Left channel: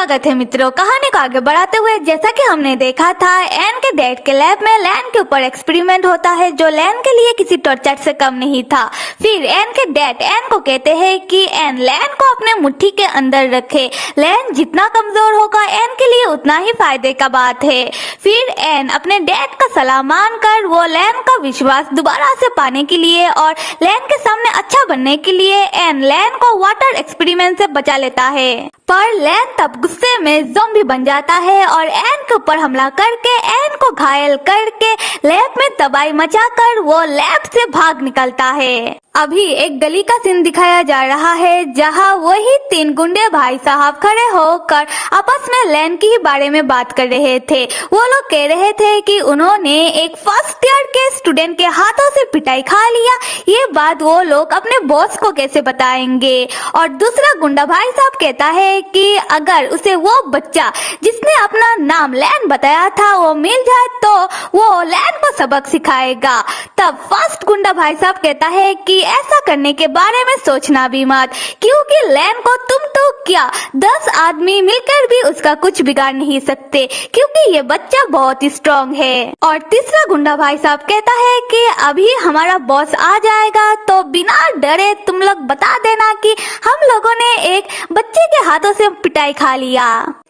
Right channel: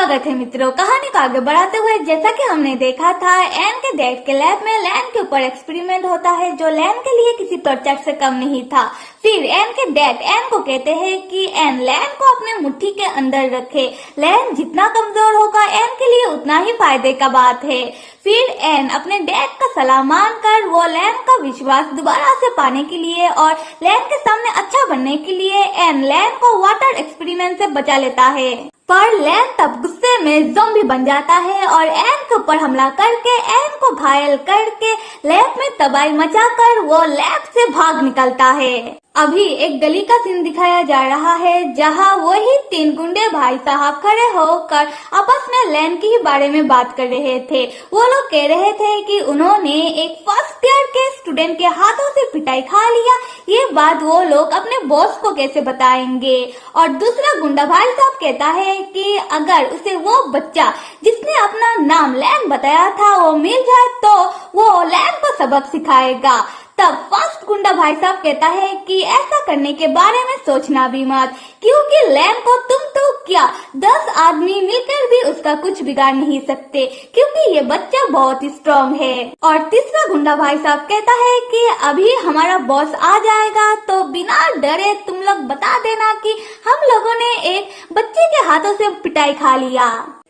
स्वागत है मित्रों। कहानी को आगे बढ़ाते हुए जैसा कि हमने देखा था, एन के डैड के लैब में लैन के ऊपर एक्सपेरिमेंट होता है जो लैन के लिए किसी टॉर्चर से कम नहीं था। फिर एन के डैड एन को कहते हैं कि एन लैन को अपने मुट्ठी के अंदर रखे। लैन जितना कमजोर होगा एन के लिए उतना ही फायदे का बात है। फिर एन अपने डैड का सलाह मानकर वो लैन का विश्वास दोबारा से पाने के लिए और लैन के सामने अच्छा बनने के लिए एन लैन को वाटर एक्सपेरिमेंट से बचा लेता है। पर लैन तब गुस्से में ज़ॉम्बी बन जाता है और एन के ऊपर हमला करके एन को घायल करके लैब में तबाही मचाकर वो लैब से भाग निकलता है। अभी एक गली का सीन दिखाया जा रहा है जहां वही 3 गुंडे भाई साहब खड़े होकर आपस में लैन के ही बारे में बात कर रहे थे। वो लोग कह रहे थे कि उन्होंने एक फर्स्ट ईयर के स्टूडेंट के हाथों से पिटाई खा लिया। ये बात वो लोग अपने बॉस को कैसे बताएंगे। और दूसरा गुंडा भाई साहब कहता है कि अगर उसे वो बच्चा जिसने अपना नाम लैन बताया था वो मिल जाए तो वो लैन को सबक सिखाएगा। तब फर्स्ट गुंडा भाई साहब कहता है कि ऐसा करने के बारे में सोचना भी मत, क्योंकि लैन को तुम तो क्या 10 आदमी मिलकर भी उसका कुछ बिगाड़ नहीं सकते, क्योंकि ये बच्चा बहुत ही स्ट्रॉन्ग है। और तीसरा गुंडा भाई साहब कहता है कि अभी हमारा बॉस आ जाएगा तो बिना डरे तुम लोग बता देना कि हम लोगों ने एक बच्चे के हाथों से पिटाई खा लिया।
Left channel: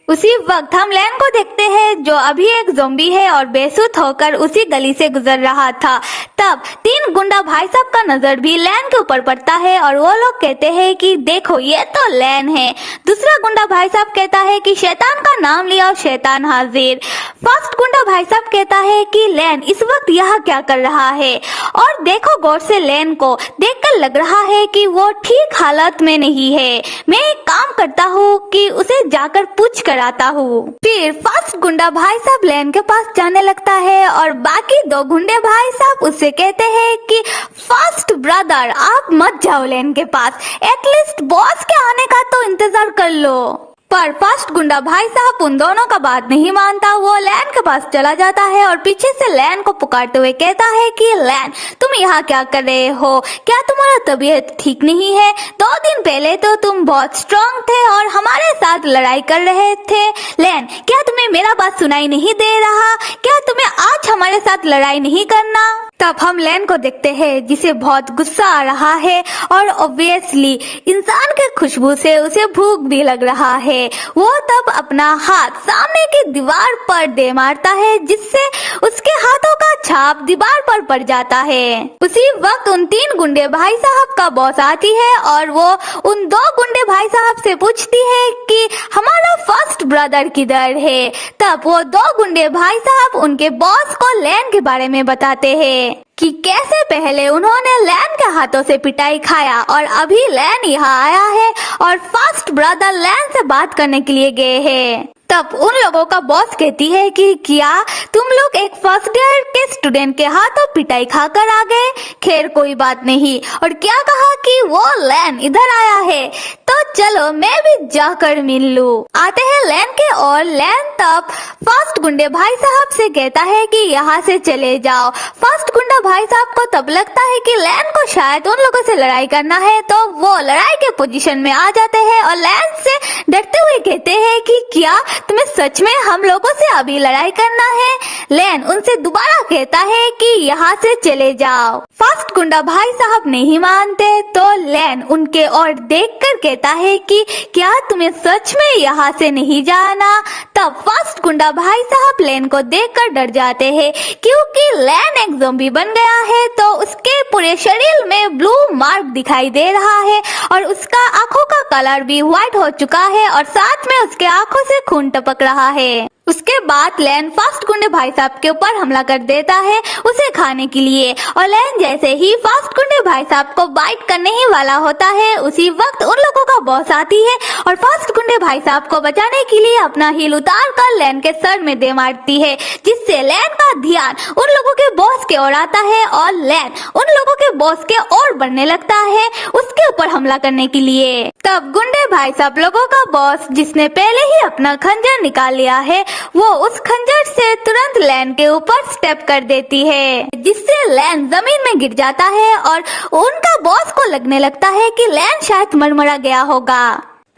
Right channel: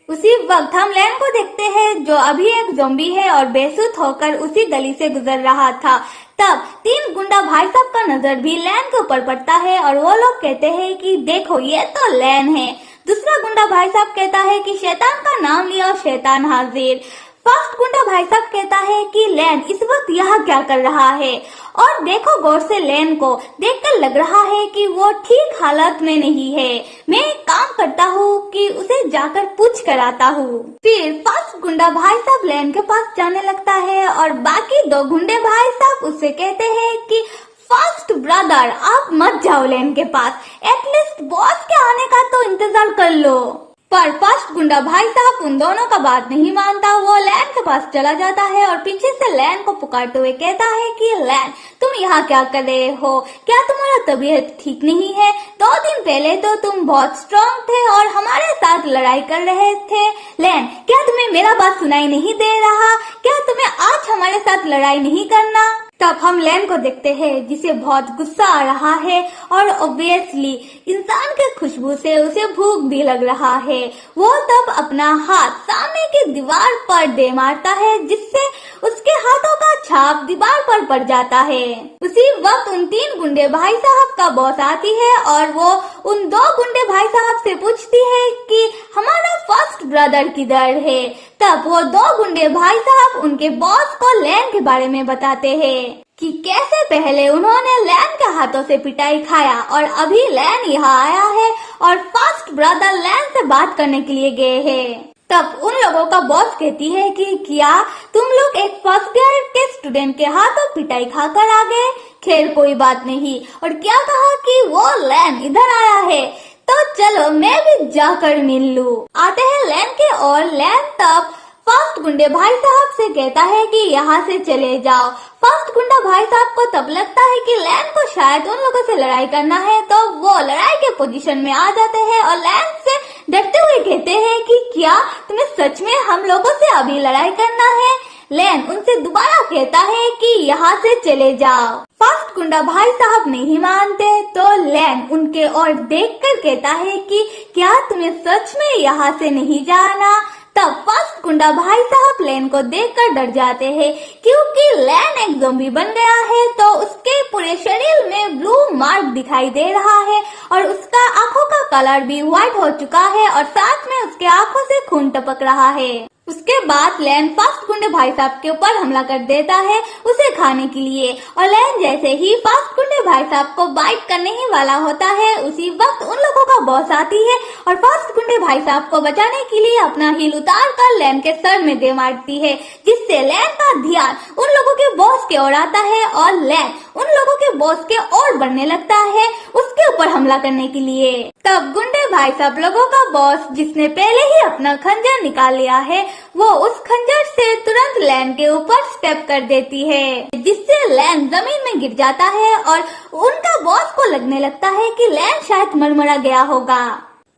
उसी वक्त हम लैन को देखते हैं जो अभी एक ज़ॉम्बी है और बेसुध होकर उसी गली से गुजर रहा था। तब 3 गुंडा भाई साहब का नजर भी लैन के ऊपर पड़ता है और वो लोग कहते हैं कि देखो ये तो लैन है। दूसरा गुंडा भाई साहब कहता है कि शैतान का नाम लिया और शैतान हाजिर। फर्स्ट गुंडा भाई साहब कहता है कि लैन इस वक्त यहाँ क्या कर रहा है। और देखो गौर से लैन को देखकर लग रहा है कि वो ठीक हालत में नहीं है। मैं एक काम करता हूँ कि उसे जाकर पूछ कर आता हूँ। फिर फर्स्ट गुंडा भाई साहब लैन के पास जाने लगता है और बाकी 2 गुंडे भाई साहब उससे कहते हैं कि फर्स्ट ब्रदर आप मत जाओ लैन के पास, एटलीस्ट बॉस के आने का तो इंतजार कर लो। पर फर्स्ट गुंडा भाई साहब उन दोनों का बात नहीं मानता। वो लैन के पास चला जाता है और पीछे से लैन को पुकारते हुए कहता है कि लैन तुम यहाँ क्या कर रहे हो, क्या तुम्हारा तबीयत ठीक नहीं है? 2 दिन पहले तो तुम बहुत स्ट्रांग थे और हमारे साथ लड़ाई कर रहे थे। लैन क्या तुम्हें मेरा बात सुनाई नहीं दे रहा? क्या तुम्हें आज हमारे साथ लड़ाई नहीं करना? तब हम लैन को देखते हैं जिसे बहुत गुस्सा आ रहा है और ऑब्वियसली इंसान के खुशबू से उसे भूख भी लग रहा है। वो तब अपना हाथ सामने की दीवार पर दे मारता है जिससे उसके हाथों का छाप दीवार पर पड़ जाता है। उसी वक्त उन 3 गुंडे भाई साहब का बॉस आती है और वो उन 2 गुंडे भाई साहब से पूछती है कि हमारा फर्स्ट ब्रदर किधर है। तब वो 2 गुंडे भाई साहब उनके बॉस को लैन के बारे में बताते हैं कि कैसे पहले उन्होंने लैन के हाथों से पिटाई खाया और अभी लैन यहाँ आया है और फर्स्ट ब्रदर लैन से बात करने के लिए गए हैं। तब उन लोगों का बॉस कहती है कि क्या तुम लोग एक फर्स्ट ईयर के स्टूडेंट के हाथों पिटाई खाकर आ गए? खैर कोई बात नहीं। और क्या कहा कि वो लैन इधर आया है, तो चलो मैं भी जाकर मिल लूं। आते हैं लैन के और लैन तब फर्स्ट गुंडे भाई साहब से कहता है कि यहाँ से चले जाओ। फर्स्ट गुंडा भाई साहब को तब लगता है कि लैन को शायद उन लोगों से लड़ाई करना है, तो वो लड़ाई के पोजीशन में आ जाते हैं और लैन से डरते हुए कहते हैं कि क्या तुम्हें सच में हम लोगों से अभी लड़ाई करना है? लैन उनसे दोबारा कहता है कि यहाँ से चले जाओ। फर्स्ट गुंडा भाई साहब नहीं मानते तो लैन उनके ओर देखकर कहता है कि क्या तुम्हें सच में यहाँ से नहीं जाना? तब फर्स्ट गुंडा भाई साहब लैन को देखकर डर जाते हैं, क्योंकि लैन एक ज़ॉम्बी बन गया है तो उसके पूरे शरीर में ब्लू मार्क दिखाई दे रहा है और उसका आंखों का कलर भी व्हाइट हो चुका है और साथ में उसके आंखों से खून टपक रहा है। उसके बाद लैन फर्स्ट गुंडे भाई साहब के ऊपर हमला कर देता है उसे खाने के लिए और लैन जैसे ही फर्स्ट गुंडे भाई साहब को बाइट करने ही वाला होता है उसी वक्त उन लोगों का बॉस आती है और फर्स्ट गुंडे भाई साहब को बचाने के लिए अपना हील उतार कर लैन के सर में दे मारती है, जिससे लैन का ध्यान उन लोगों के बॉस की ओर आता है और लैन उन लोगों के बॉस के ओर बढ़ने लगता है उसके ऊपर हमला करने के लिए। तब गुंडे भाई साहब लोगों का बॉस जिसने पहले ही अपना खंजर निकाल लिया है वो उस खंजर से तुरंत लैन के ऊपर स्टेप कर देती है, जिससे लैन जमीन में गिर जाता है और उनका बॉस को लगने लगता है कि लैन शायद मरमरा गया होगा।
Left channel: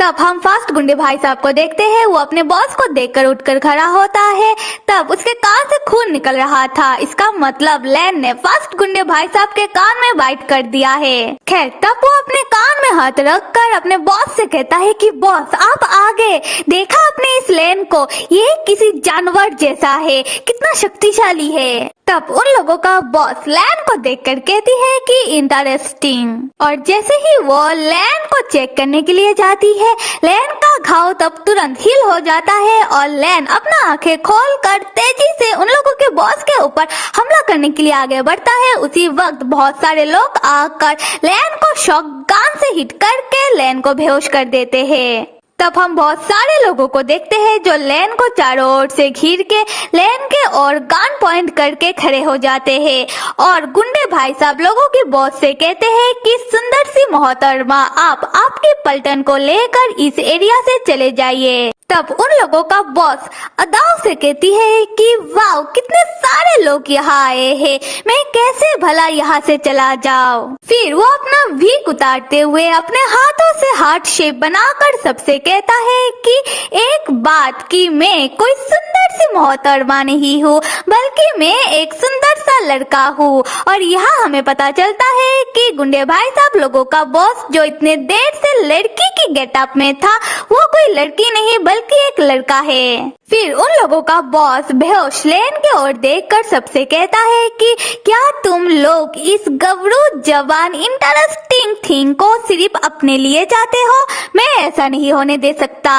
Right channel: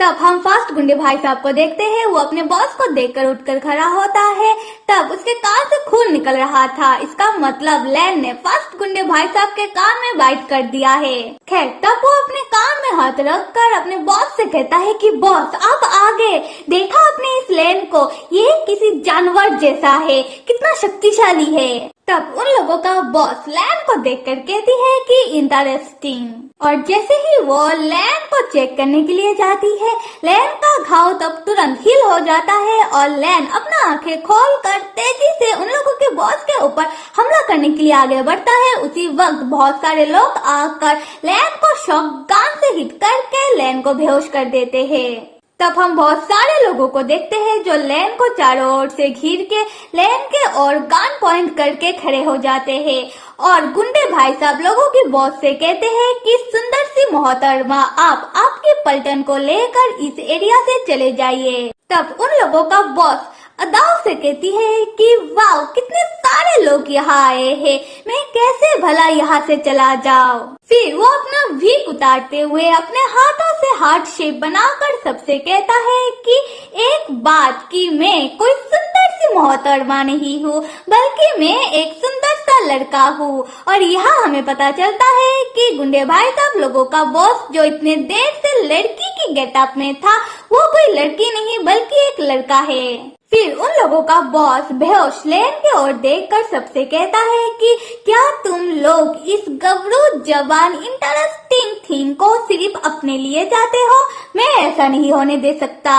तब हम फर्स्ट गुंडे भाई साहब को देखते हैं। वो अपने बॉस को देखकर उठकर खड़ा होता है। तब उसके कान से खून निकल रहा था। इसका मतलब लैन ने फर्स्ट गुंडे भाई साहब के कान में बाइट कर दिया है। खैर तब वो अपने कान में हाथ रखकर अपने बॉस से कहता है कि बॉस आप आगे देखा आपने इस लैन को, ये किसी जानवर जैसा है, कितना शक्तिशाली है। तब उन लोगों का बॉस लैन को देखकर कहती है कि इंटरेस्टिंग, और जैसे ही वो लैन को चेक करने के लिए जाती है, लैन का घाव तब तुरंत हील हो जाता है और लैन अपना आंखें खोलकर तेजी से उन लोगों के बॉस के ऊपर हमला करने के लिए आगे बढ़ता है। उसी वक्त बहुत सारे लोग आकर लैन को शॉटगन से हिट करके लैन को बेहोश कर देते हैं। तब हम बहुत सारे लोगों को देखते हैं जो लैन को चारों ओर से घिर के लैन के और गन पॉइंट करके खड़े हो जाते हैं और गुंडे भाई साहब लोगों की बॉस से कहते हैं कि सुंदर सी मोहतरमा आप आपके पलटन को लेकर इस एरिया से चले जाइए। तब उन लोगों का बॉस अदाव से कहती है कि वाह कितने सारे लोग यहाँ आए हैं, मैं कैसे भला यहाँ से चला जाऊँ। फिर वो अपना वीक उतारते हुए अपने हाथों से हार्ट शेप बनाकर सबसे कहता है कि एक बात कि मैं कोई सुंदर सी मोहतरमा नहीं हूँ, बल्कि मैं एक सुंदर सा लड़का हूँ। और यहाँ हमें पता चलता है कि गुंडे भाई साहब लोगों का बॉस जो इतने देर से लड़की की गेटअप में था, वो कोई लड़की नहीं बल्कि एक लड़का है। फिर उन लोगों का बॉस बेहोश लैन की ओर देखकर सबसे कहता है कि क्या तुम लोग इस गबरू जवान इंटरेस्टिंग थिंग को सिर्फ अपने लिए चाहते हो? मैं ऐसा नहीं होने दे सकता।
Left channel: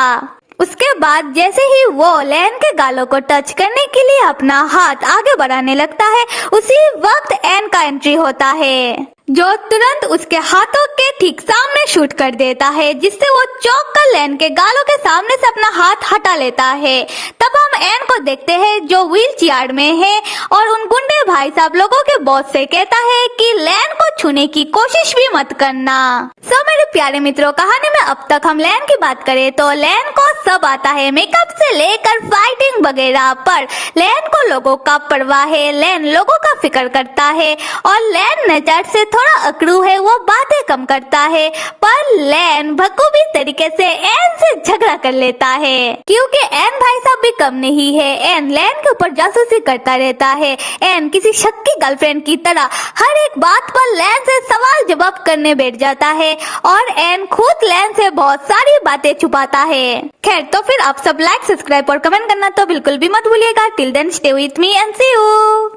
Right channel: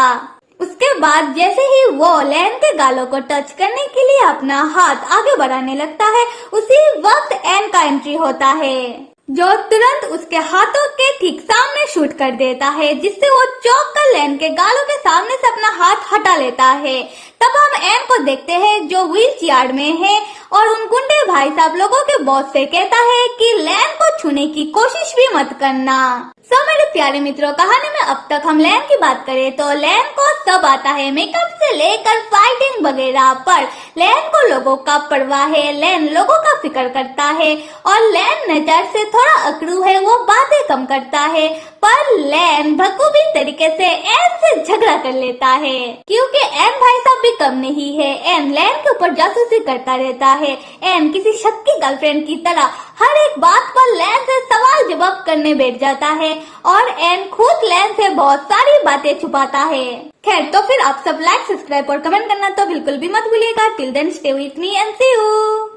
उसके बाद जैसे ही वो लैन के गालों को टच करने के लिए अपना हाथ आगे बढ़ाने लगता है, उसी वक्त एन का एंट्री होता है जो तुरंत उसके हाथों के ठीक सामने शूट कर देता है, जिससे वो चौंक कर लैन के गालों के सामने से अपना हाथ हटा लेता है। तब हम एन को देखते हैं जो व्हील चेयर में है और उन गुंडे भाई साहब लोगों के बॉस से कहता है कि लैन को छूने की कोशिश भी मत करना। सब मेरे प्यारे मित्रों, कहानी में अब तक हम लैन की बात करें तो लैन को सब आता है, मेकअप से लेकर फाइटिंग वगैरह, पर लैन को लोगों का परवाह है, लैन लोगों का फिक्र करता है और लैन नेचर से थोड़ा अकड़ू है, वो बातें कम करता है। पर लैन बखूबी तरीके से एन से झगड़ा कर लेता है क्योंकि एन भाई साहब भी कम नहीं है। एन लैन के ऊपर जासूसी करता रहता है। एन किसी शक्की गर्लफ्रेंड की तरह हर एक बात पर लैन से सवाल जवाब करने बैठ जाता है और एन खुद लैन से बहुत सारी बातें छुपाता है। खैर तो फिर आप सब लाइक, सब्सक्राइब और कमेंट करना तो बिल्कुल भी मत भूलिएगा। Till then stay with me and see you.